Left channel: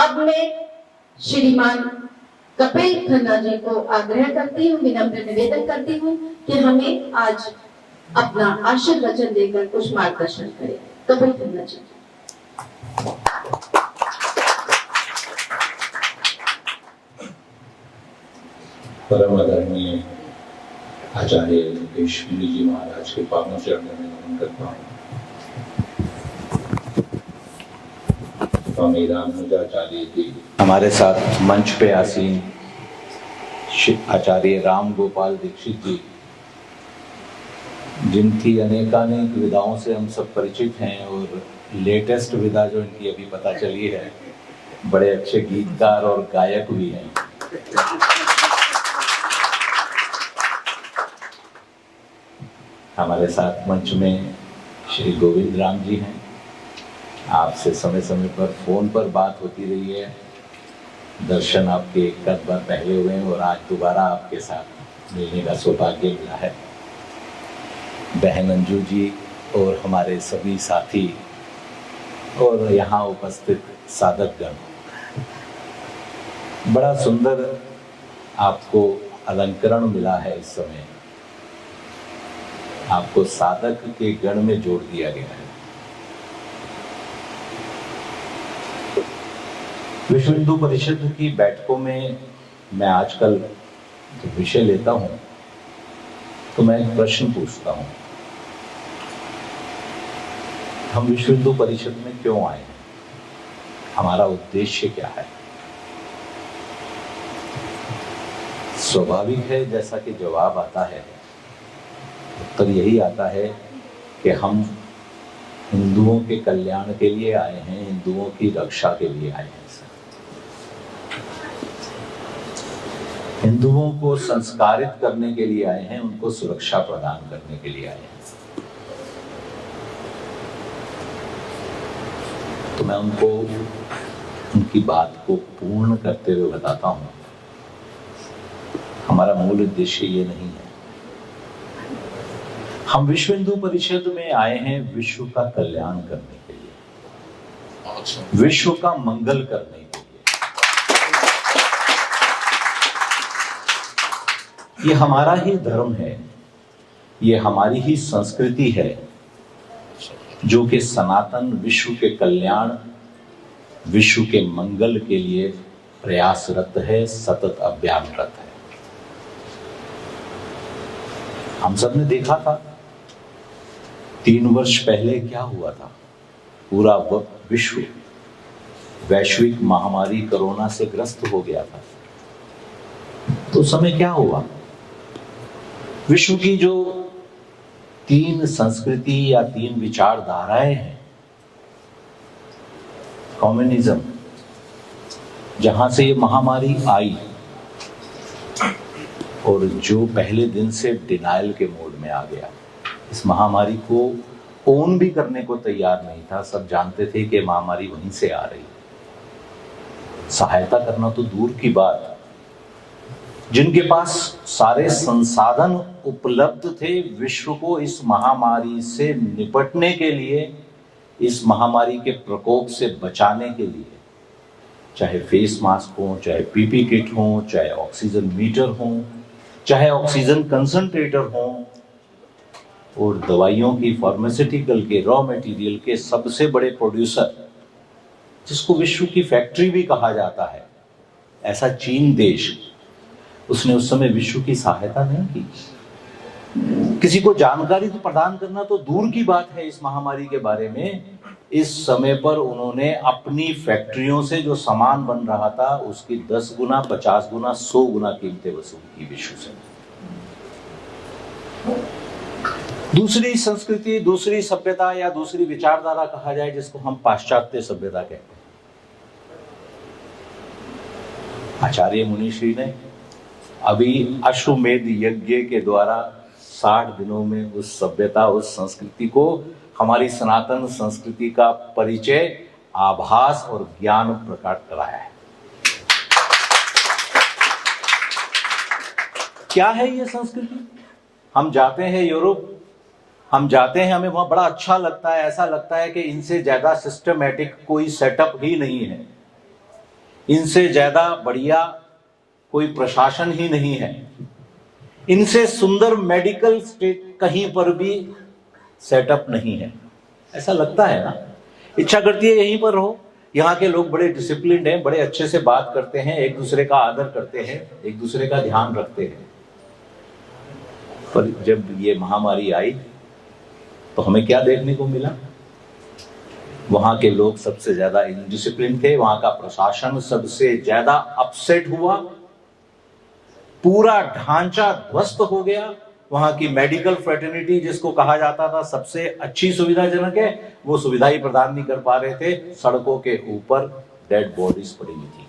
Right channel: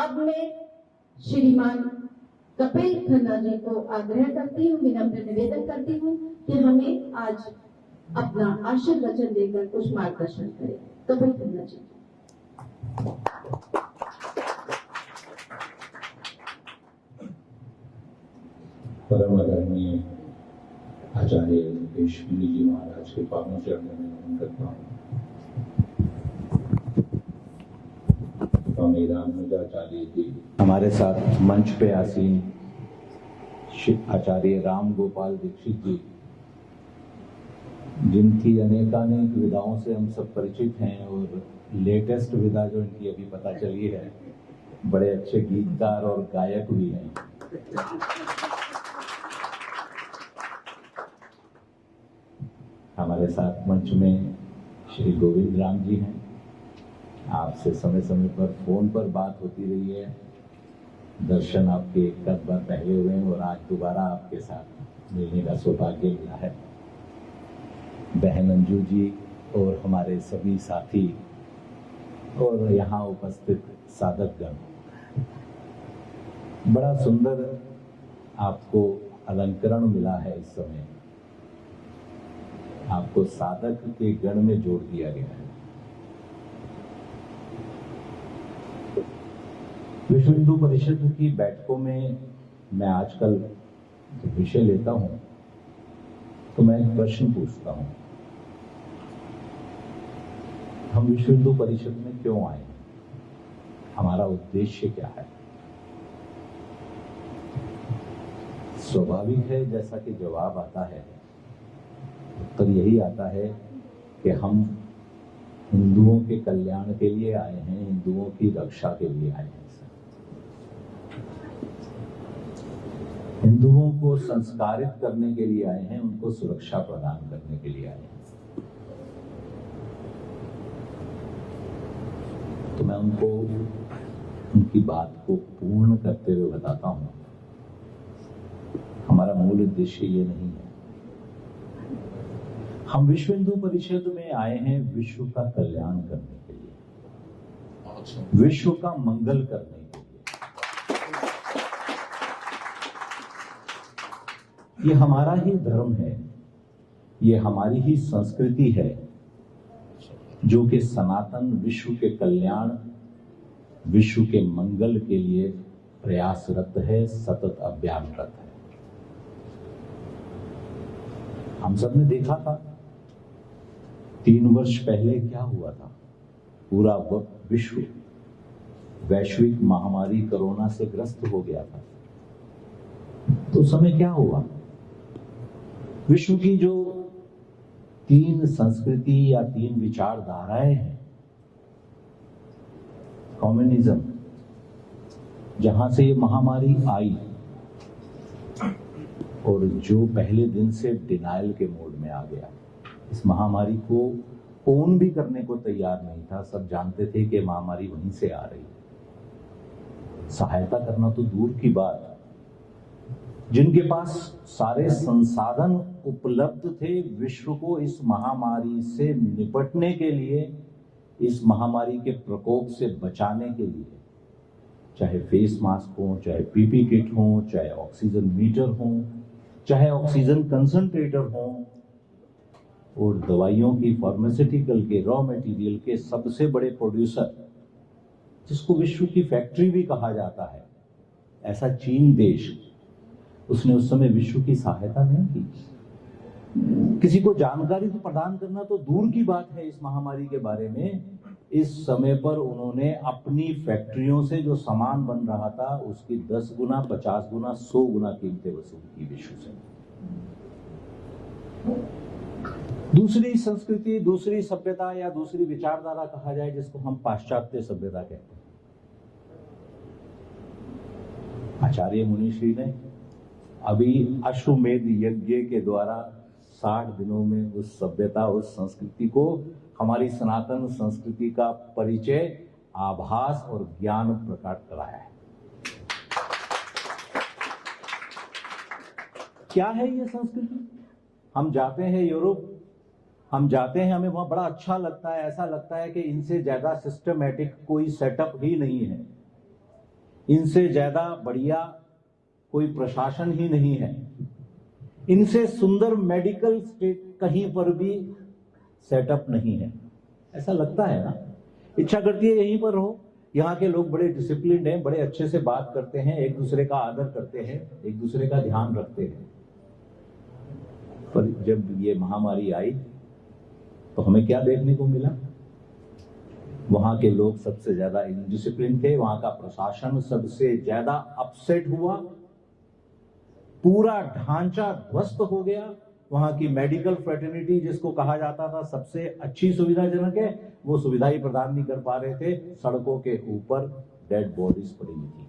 अब मैं श्रीमान कपिल खन्ना जी को आग्रह करती हूँ, विनम्र निवेदन करती हूँ कि हमें आज अपना आशीर्वचन देकर कुछ मार्गदर्शन करें। कपिल खन्ना जी। परम आदरणीय आचार्य देशमुख जी महाराज के पावन चरणों में नमन करता हूँ। स्वामी रामानुजाचार्य जी हमारे साथ मंच पे आसीन आचार्य राम गोपाल दीक्षित जी, जिनकी अनेकानेक विधाओं से हम सब परिचित हैं और लेटेस्ट विधा जो इनकी अभी पता चली है, बड़े अच्छे गीतकार और गायक भी हैं। हमारे साथ मंच में श्री गोविंद राम जी हैं। आपसे समय समय पर फोन पर बात होती रही है, दर्शन आपके एक बार पहले हुए हैं और आज दोबारा आपके साथ मिलने का सौभाग्य मिला है। बहन अंजू जी और हमारे सभी साथी और यहाँ उपस्थित साधकगण, बड़ा सुंदर आपको अलंकरण मिला है। इस समय आपको साधक के गण में जोड़ दिया गया है। विश्व हिंदू परिषद की बैठकों में मैं आजकल जो विषय लेता हूं तो मैं एक प्रश्न पूछता हूं, हम विश्व हिंदू परिषद में क्यों आए हैं, हमारा उद्देश्य क्या है। स्वाभाविक है, जैसा कि जवाब आता है, उत्तर यही आता है कि हम हिंदुओं के कल्याण के लिए आए हैं, हिंदुओं की रक्षा के लिए आए हैं। हिंदुओं को संस्कारित करने के लिए आए हैं, उनको सुरक्षा प्रदान करने के लिए आए हैं। तो मैं उनको उनकी बात को पूर्ण करते हुए बताता हूं, हमारा मूल उद्देश्य ये नहीं है। हम विश्व हिंदू परिषद में आए हैं विश्व का कल्याण करने के लिए, विश्व का मंगल करने के लिए। ये हमारा ही धर्म है, ये हमारी ही संस्कृति है, जो कि सनातन विश्व के कल्याण, विश्व के मंगल के लिए प्रयासरत है, सतत अभियानरत है। हम सब ने देखा था 3 वर्ष पहले क्या हुआ था। पूरा विश्व वैश्विक महामारी कोरोना से ग्रस्त हो गया था। तो उस समय क्या हुआ, विश्व की जो 3 संस्कृति या 3 विचारधाराएं हैं, कम्युनिज्म, जहां से ये महामारी आई और जो पहले दिन से डिनायल के मोड में आ गया, इस महामारी को ओन भी करने को तैयार नहीं था। सब जानते थे कि महामारी वहीं से आ रही है। सहायता करना तो दूर की बात, जिनके पास सारे संसाधन उपलब्ध थे विश्व को इस महामारी से निपटने के लिए, इस महामारी के प्रकोप से बचाने के लिए, चाहे फेस मास्क हो, चाहे पीपी किट हो, चाहे ऑक्सीजन मीटर हो, चाहे ऑक्सीजन कंसंट्रेटर हो, और दवाइयों की, फार्मास्यूटिकल के, रॉ मटेरियल के सबसे बड़े प्रोड्यूसर, जिसको विश्व की फैक्ट्री भी कहा जाता है, ऐसा चीन देश, उसने उस समय विश्व की सहायता नहीं की। किसी को जानकारी तो प्रदान करना तो दूर की बात है इस महामारी के बारे में। इस समय पर उन्होंने अपनी फैक्ट्रियों से जो सामान बन रहा था उसकी 10 गुना, 50 गुना, 100 गुना कीमतें वसूल की विश्व से। दूसरी संस्कृति, दूसरी सभ्यता या दूसरी विचारधारा कहा जाए, जिसको हम पाश्चात्य सभ्यता कहते हैं, आचार्य मुनिश्री ने अभी अश्वमेध यज्ञ के द्वारा 60 दिनों में उस सभ्यता, उस संस्कृति को, हमारी सनातन संस्कृति का परिचय, आभास और ज्ञान प्रकट कराया है। क्या है ये संस्कृति? हम जाते हैं यूरोप, हम जाते हैं, हमें वहां बड़ा अच्छा लगता है, ऐसा लगता है कि इनसे ज्यादा सिस्टमैटिक कोई सेटअप ही नहीं है। इनसे ज्यादा बढ़िया कोई प्रशासन ही नहीं है, इनसे सुंदर मेडिकल स्टेट कहीं पर भी सेटअप नहीं है। ऐसा लगता है ना, इच्छा करती है यहीं पर रहो। यहाँ के लोग बड़े डिसिप्लिन्ड हैं, बड़े अच्छे से बात करते हैं, एक दूसरे का आदर करते हैं, एक दूसरे का ध्यान रखते हैं। पर जब ये महामारी आई तो हमें क्या देखने को मिला? वहां के लोग सबसे ज्यादा इनडिसिप्लिन थे, वहां का प्रशासन सबसे ज्यादा अपसेट हुआ, पूरा ढांचा ध्वस्त हो गया। वहां की मेडिकल फ्रेटर्निटी, जिसको कहा जाता था सबसे अच्छी सुविधाजनक है, वो सुविधा ही प्रदान नहीं कर पा रहे थे। सड़कों के ऊपर डेड बॉडीज पड़ी हुई थी।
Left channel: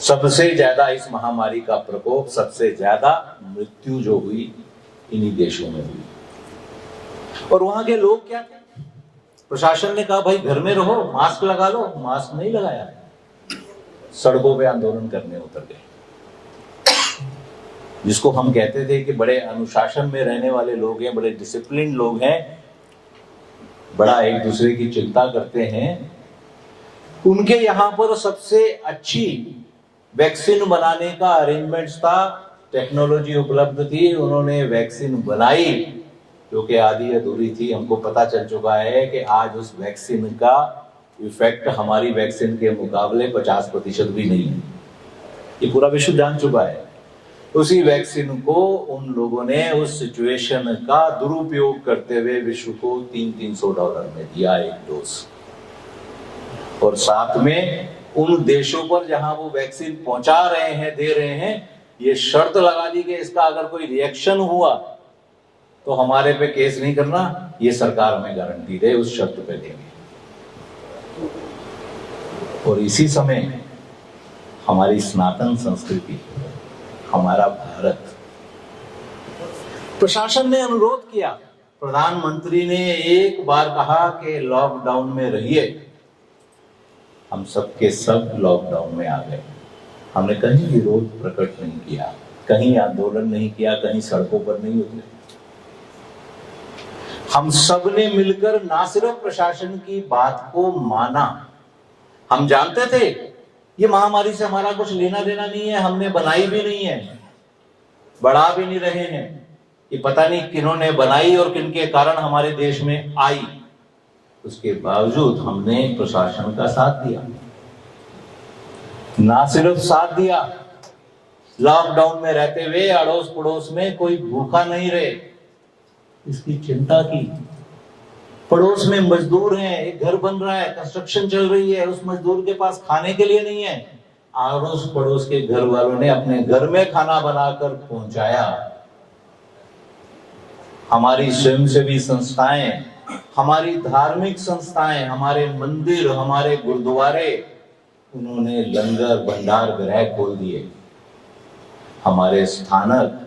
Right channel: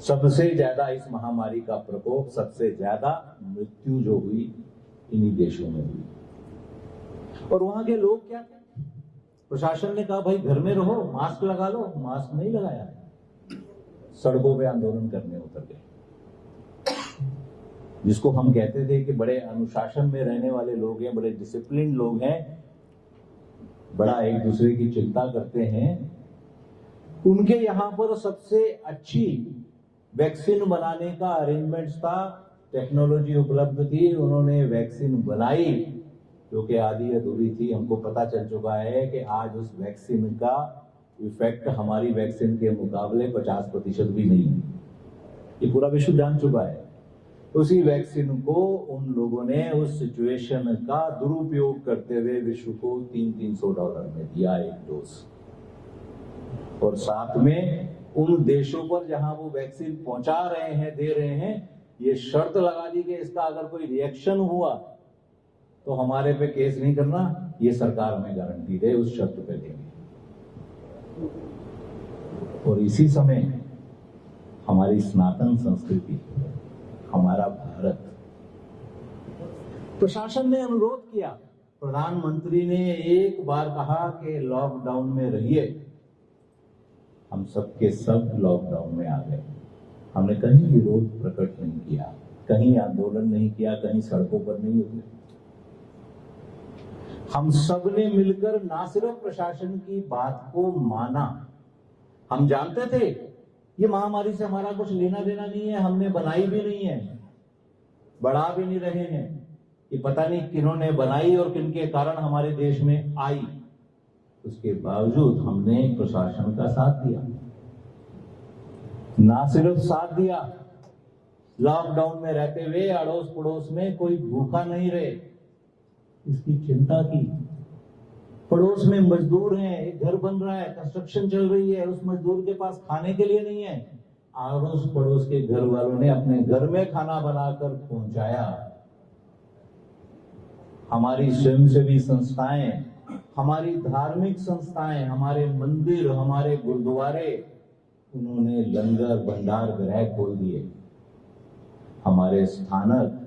सबसे ज्यादा इस महामारी का प्रकोप, सबसे ज्यादा मृत्यु जो हुई इन्हीं देशों में हुई। और वहां के लोग क्या थे? प्रशासन ने कहा भाई घर में रहो, मास्क लगा लो, मास्क नहीं लगाया, सड़कों पे आंदोलन करने उतर गए। जिसको हम कहते थे कि बड़े अनुशासन में रहने वाले लोग हैं, बड़े डिसिप्लिन लोग हैं, बड़ा एक दूसरे की चिंता करते हैं, उनके यहाँ पर सबसे अच्छी वैक्सीन बनाने का अरेंजमेंट्स था, टेक्नोलॉजी उपलब्ध थी, उन्होंने वैक्सीन बनाई जो कि आधी अधूरी थी। हमको पता चल चुका है कि आज उस वैक्सीन का इफेक्ट हमारी वैक्सीन के मुकाबले 50% भी नहीं है, ये पूरा विश्व जान चुका है। उसी वैक्सीन को उन लोगों ने उस सिचुएशन का दुरुपयोग करते हुए विश्व को $300 में दिया एक डोज। और साथ में उन देशों पर जहां वो वैक्सीन पहुंचा रहे हैं, दे रहे हैं, ये शर्त लगा दी कि इसका अगर कोई रिएक्शन हुआ तो हमारे पे केस नहीं करना, ये सरकार हमें गारंटी दे, उस शर्त पे देंगे। और इसी समय हमारी सनातन संस्कृति, हमारा भारत, प्रशासन ने अनुरोध किया, प्रधानमंत्री ने एक बार कहा कि लॉकडाउन में रहिए, हम सब के सब लॉकडाउन में आ गए। हमने कहीं विरोध प्रकट नहीं किया, कहीं आंदोलन नहीं किया, कहीं सड़कों पर नहीं उतरे। हम सब ने मिलकर ना सिर्फ प्रशासन की बात को माना, हम जानते थे ये महामारी से हमारा कुछ लेना देना नहीं है, हमने बनाई भी नहीं है, बढ़ा भी नहीं रहे हैं, कि पता नहीं किन्होंने बनाई और किनके कारण हमारे देश में आई। उसके बावजूद हमने प्रशासन का साथ दिया, ना सिर्फ साथ दिया, लॉकडाउन में रहते हुए अड़ोस पड़ोस में कोई भूखा नहीं रहे, इसकी चिंता की। पड़ोस में मजदूर हैं, एक घर बन रहा है, कंस्ट्रक्शन चल रही है, उस मजदूर के पास खाने के लिए नहीं है, अड़ोस पड़ोस के घर वालों ने अपने घर में खाना बनाकर पहुंचाया। हमारी स्वयंसेवी संस्थाएं, हमारी धार्मिक संस्थाएं, हमारे मंदिर, हमारे गुरुद्वारे, उन्होंने लंगर भंडार गृह खोल दिए। हमारे स्थानक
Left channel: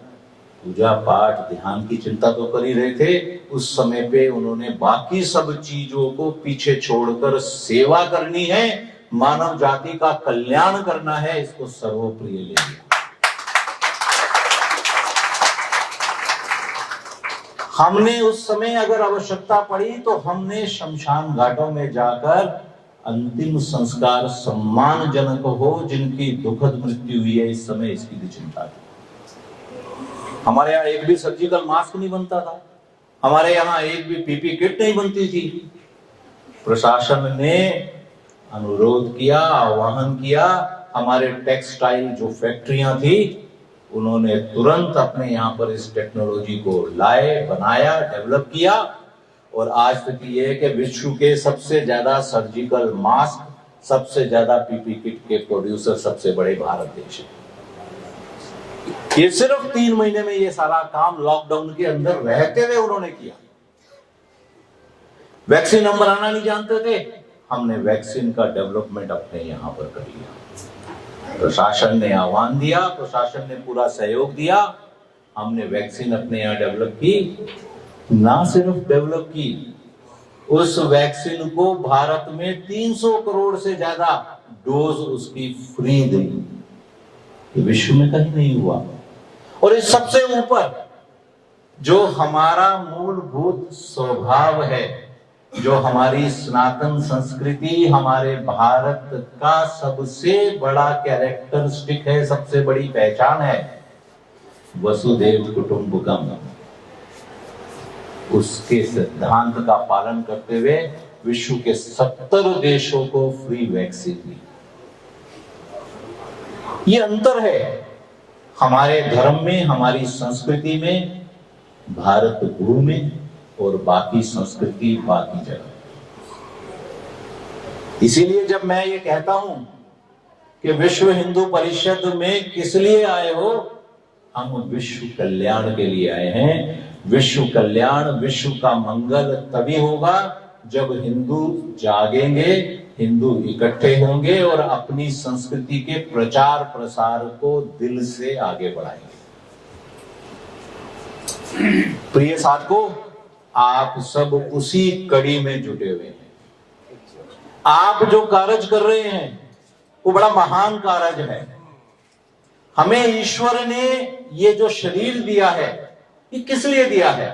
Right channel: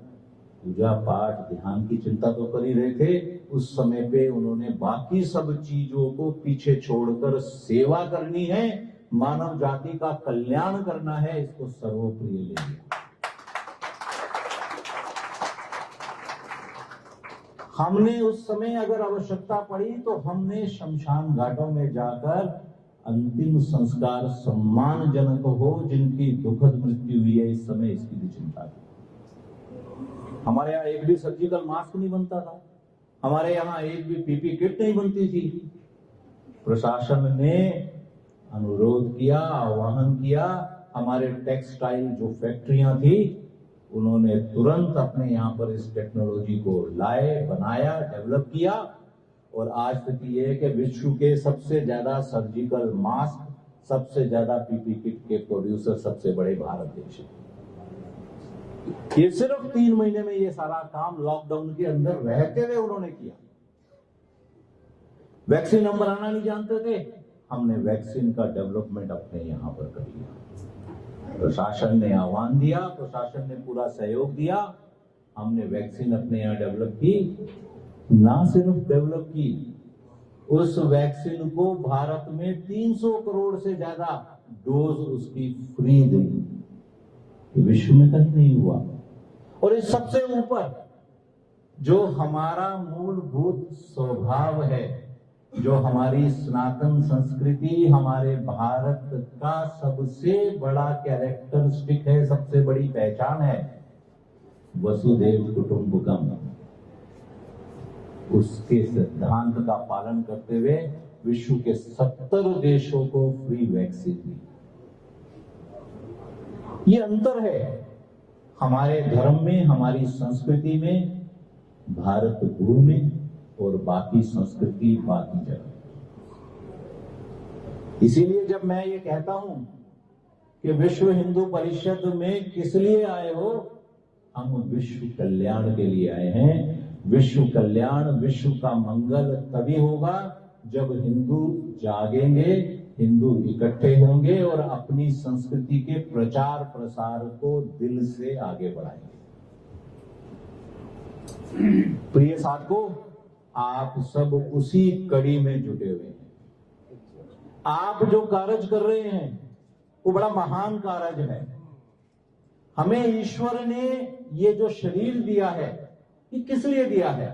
पूजा पाठ ध्यान की चिंता तो कर ही रहे थे, उस समय पे उन्होंने बाकी सब चीजों को पीछे छोड़कर सेवा करनी है, मानव जाति का कल्याण करना है, इसको सर्वोप्रिय ले लिया। हमने उस समय अगर आवश्यकता पड़ी तो हमने शमशान घाटों में जाकर अंतिम संस्कार सम्मानजनक हो, जिनकी दुखद मृत्यु हुई है इस समय, इसकी भी चिंता थी। हमारे यहाँ एक भी सर्जिकल मास्क नहीं बनता था, हमारे यहाँ एक भी पीपी किट नहीं बनती थी। प्रशासन ने अनुरोध किया, आह्वान किया, हमारे टेक्सटाइल जो फैक्ट्रियां थी उन्होंने तुरंत अपने यहाँ पर इस टेक्नोलॉजी को लाए, बनाया, डेवलप किया। और आज तक ये है कि विश्व के सबसे ज्यादा सर्जिकल मास्क, सबसे ज्यादा पीपी किट के प्रोड्यूसर सबसे बड़े भारत देश है। ये सिर्फ 3 महीने में ये सारा काम लॉकडाउन के अंदर रहते हुए उन्होंने किया। वैक्सीन हम बनाना नहीं जानते थे, हमने वैक्सीन का डेवलपमेंट अपने यहां पर कर लिया। प्रशासन ने आह्वान दिया, प्रशासन ने पूरा सहयोग दिया, हमने वैक्सीन अपने यहां डेवलप की। ना सिर्फ डेवलप की, उस वैक्सीन को भारत में 300 करोड़ से ज्यादा डोज उसकी फ्री दी, विश्व में कहीं नहीं हुआ। और इस सबसे ऊपर जो हमारा मूलभूत स्वभाव है जो हमारी सनातन संस्कृति, हमारे भारत का सबसे बड़ा कैरेक्टरिस्टिक है, सबसे बड़ी पहचान है, वसुदेव कुटुंबकम, उसके सिद्धांत का पालन करते हुए विश्व के 70 देशों को फ्री वैक्सीन दी। ये अंतर है हमारे धर्म में, हमारी संस्कृति में, भारत भूमि में और बाकी संस्कृति बाकी जगह। इसीलिए जब मैं ये कहता हूं कि विश्व हिंदू परिषद में किस लिए आए हो, हम विश्व कल्याण के लिए आए हैं। विश्व कल्याण, विश्व का मंगल तभी होगा जब हिंदू जागेंगे, हिंदू इकट्ठे होंगे और अपनी संस्कृति के प्रचार प्रसार को दिल से आगे बढ़ाएंगे। प्रिय साथियों, आप सब उसी कड़ी में जुटे हुए हैं। आप जो कार्य कर रहे हैं वो बड़ा महान कार्य है। हमें ईश्वर ने ये जो शरीर दिया है, ये किस लिए दिया है?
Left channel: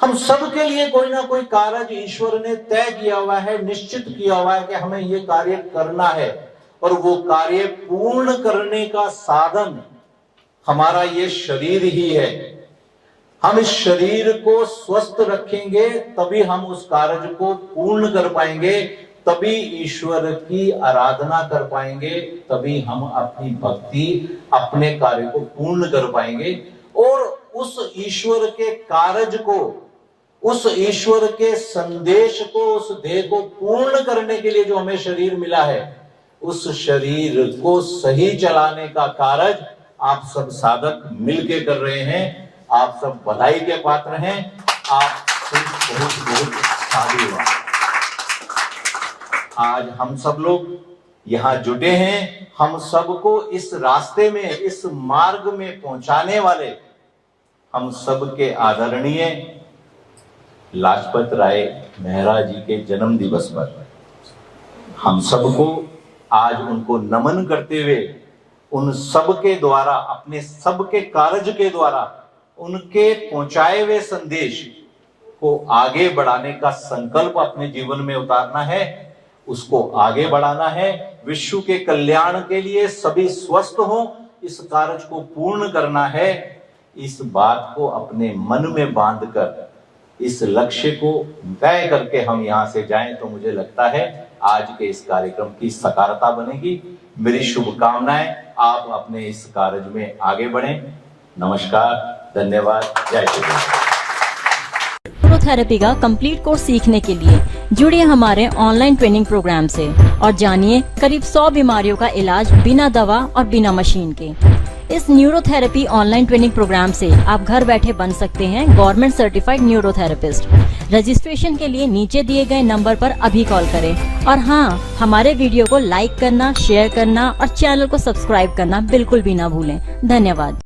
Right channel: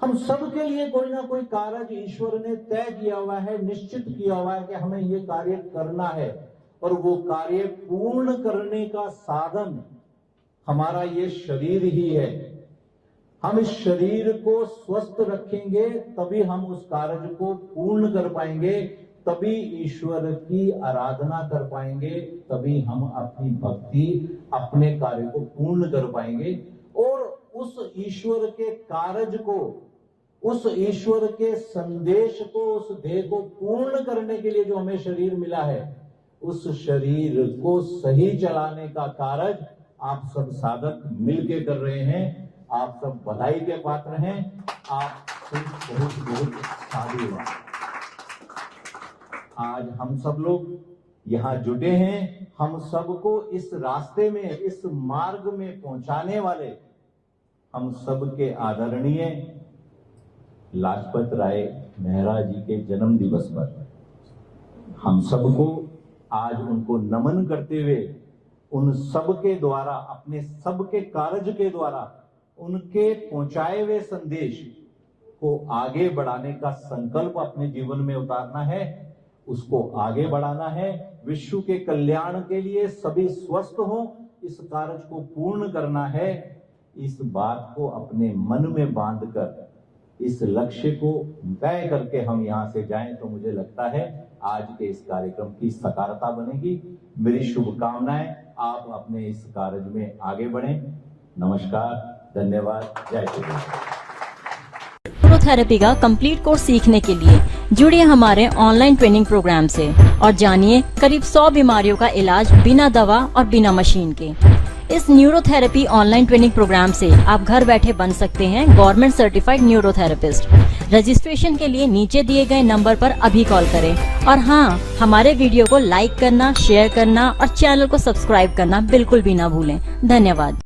हम सब के लिए कोई ना कोई कार्य ईश्वर ने तय किया हुआ है, निश्चित किया हुआ है कि हमें ये कार्य करना है, और वो कार्य पूर्ण करने का साधन हमारा ये शरीर ही है। हम इस शरीर को स्वस्थ रखेंगे तभी हम उस कार्य को पूर्ण कर पाएंगे, तभी ईश्वर की आराधना कर पाएंगे, तभी हम अपनी भक्ति, अपने कार्य को पूर्ण कर पाएंगे। और उस ईश्वर के कार्य को, उस ईश्वर के संदेश को, उस ध्येय को पूर्ण करने के लिए जो हमें शरीर मिला है, उस शरीर को सही चलाने का कार्य आप सब साधक मिलके कर रहे हैं। आप सब बधाई के पात्र हैं। आप बहुत बहुत साधुवाद। आज हम सब लोग यहाँ जुटे हैं। हम सबको इस रास्ते में, इस मार्ग में पहुंचाने वाले हम सबके आदरणीय लाजपत राय मेहरा जी के जन्म दिवस पर हम सबको आज उनको नमन करते हुए, उन सबके द्वारा, अपने सबके कार्य के द्वारा उनके पहुंचाए हुए संदेश को आगे बढ़ाने का संकल्प अपने जीवन में उतारना है, उसको आगे बढ़ाना है। विश्व के कल्याण के लिए सभी स्वस्थ हों, इस कार्य को पूर्ण करना है। इस बात को अपने मन में बांधकर इस लक्ष्य को तय करके हम यहाँ से जाएं तो मुझे लगता है आज के इस कार्यक्रम की सकारात्मकता बनेगी। मेरी शुभकामनाएं, आप अपने इस कार्य में आगे बढ़ें। नमस्कार, धन्यवाद, जय श्री राम। न्यूरोथेरेपी का कंप्लीट कोर्स सीखने के लिए जुड़िए हमारे ऑनलाइन ट्रेनिंग प्रोग्राम से और जानिए करीब 100 बीमारियों का इलाज बिना दवा और बिना मशीन के। इस न्यूरोथेरेपी ऑनलाइन ट्रेनिंग प्रोग्राम से आप घर बैठे बन सकते हैं गवर्नमेंट सर्टिफाइड न्यूरोथेरेपिस्ट। रजिस्ट्रेशन के लिए नीचे दिए गए नंबर पर अभी कॉल करें। और हाँ, हमारे वीडियो को लाइक करना, शेयर करना और चैनल को सब्सक्राइब करना बिल्कुल भी ना भूलें। धन्यवाद।